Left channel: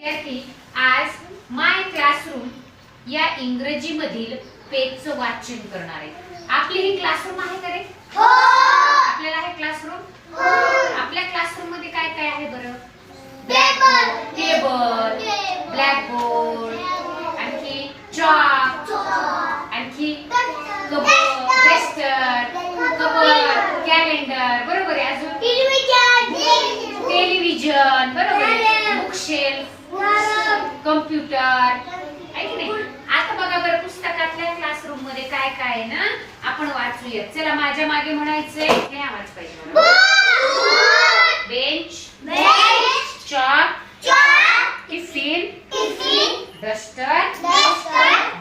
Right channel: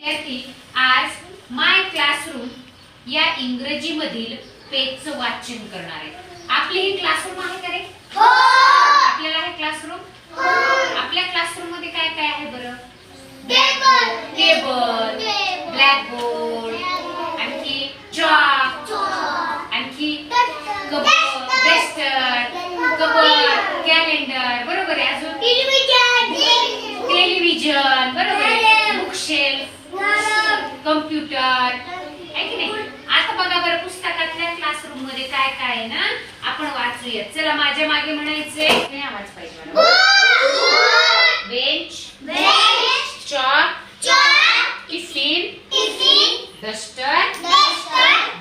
विद्यार्थी आज माय क्लासरूम या इंग्रजीमधील पेजचं वाचन करणार आहे. आपली ही क्लासरूम आहे का रे? आपल्याला हे! क्लासरूम आपल्या क्लासरूममध्ये काय काय आहे बरं? टेबल ब्लॅकबोर्ड आणखी चॉक आणखी कबड डस्टर कबड. कॅलेंडर बरोबर आहे अजून? टेलिव्हिजन बरोबर आहे. बुकशेल्फ कम्प्युटर नाही? आता बघा बरं पुस्तकातल्या क्लासरूममध्ये काय काय आहे ना आपण वाचूया चला माझ्या मागे म्हणायचंय नाही आवाज पाहिजे. Bench chalk tiffin duster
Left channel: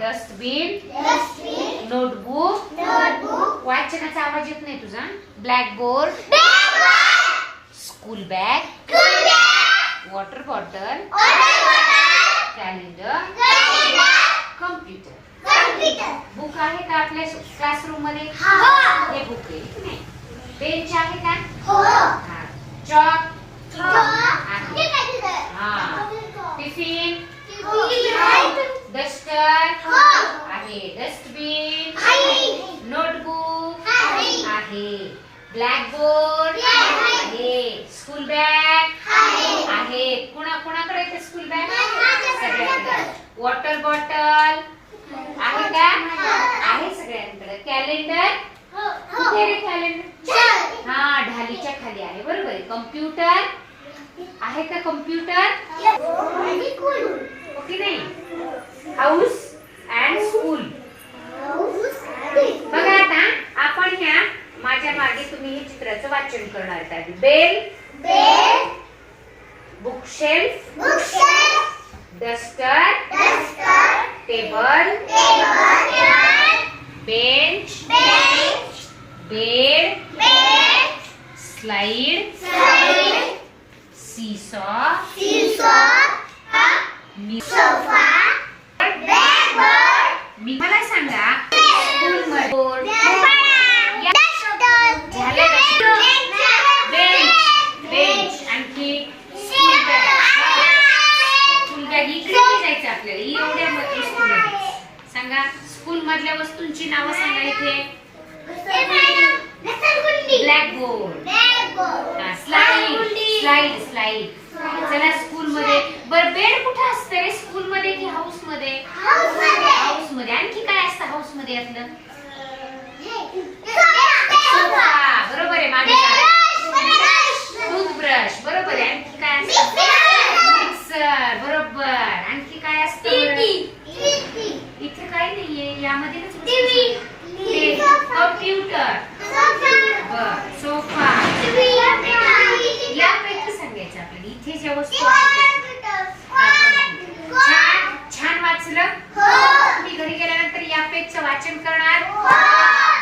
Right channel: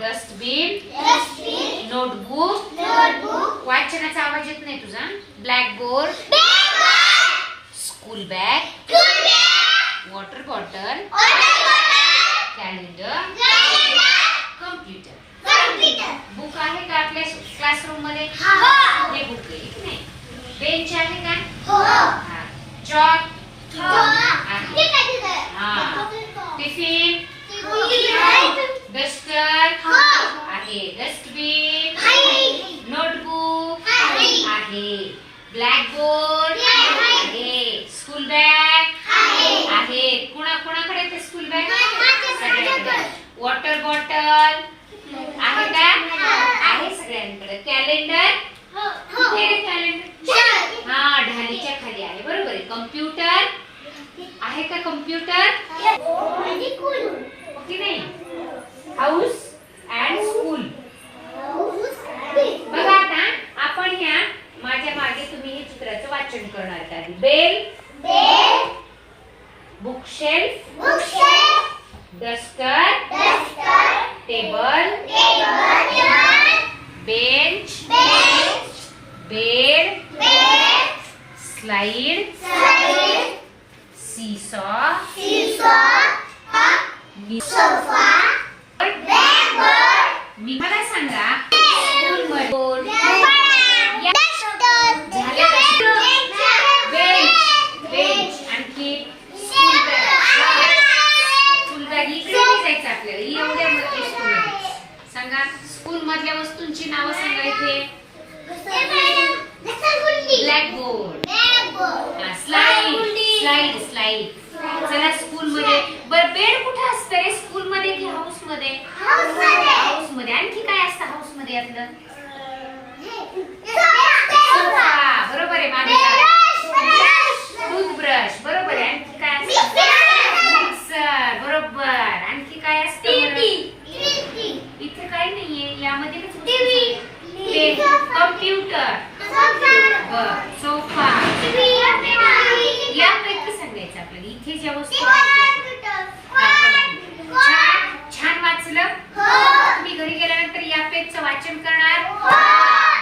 dustbin notebook वाचनाचा आवाज येत नाही तुझा? Blackboard school bag water bottle calendar computer book आहे का आपल्या क्लासरूम मध्ये? हे. बुक आहे की नाही? बेंच आहे का? चॉक टिफ़िन डस्टर आहे. डस्टबिन नोटबुक आहे. ब्लॅकबोर्ड आहे. स्कूल बॅग कॅलेंडर कुठे कॅलेंडर हा ढालीच्या खाली आहे. बरोबर आहे. कम्प्युटर? आहे का कम्प्युटर? की नाही. House and school. बघा आता आपण ह्या माझ्या मागे तुम्ही हे चित्राचं वाचन करणार आहात bell. Bookshelf. Duster table bench bed slide मी मला सांगा आणखी स्कूल बॅग स्कूल बॅग इकडे नाही जायचं आपल्याला. एवढ्या मध्ये सांगा स्कूल मधल्या वस्तूंची नावं सांगा इथे. ब्लॅकबोर्ड स्लाइड स्लाइड स्लाइड चला स्कूल मध्ये बर बेड कुठे असतं रे? स्कूल मध्ये की हाऊसमध्ये हाऊसमध्ये आणखी काय असतं हाऊसमध्ये यातलं बरोबर आहे मागे टूथब्रश. बरोबर आहे. आणखी काय असतं? मिक्सर. बरोबर. आणखी काय असतं? इथे काही नाहीये. यामध्ये कम्प्युटर बर सोफा यापैकी सांगायचं आपल्याला इथे ज्या वस्तू आहेत छान छान वाचलं? तुम्ही घरी गेल्यानंतर या पेजचं वाचन करणार?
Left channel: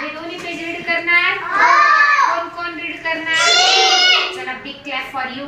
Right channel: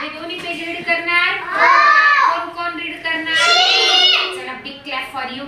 हे. दोन्ही पेज रीड करणार? कोण कोण रीड करणार? चला बिग क्लॅप फॉर यू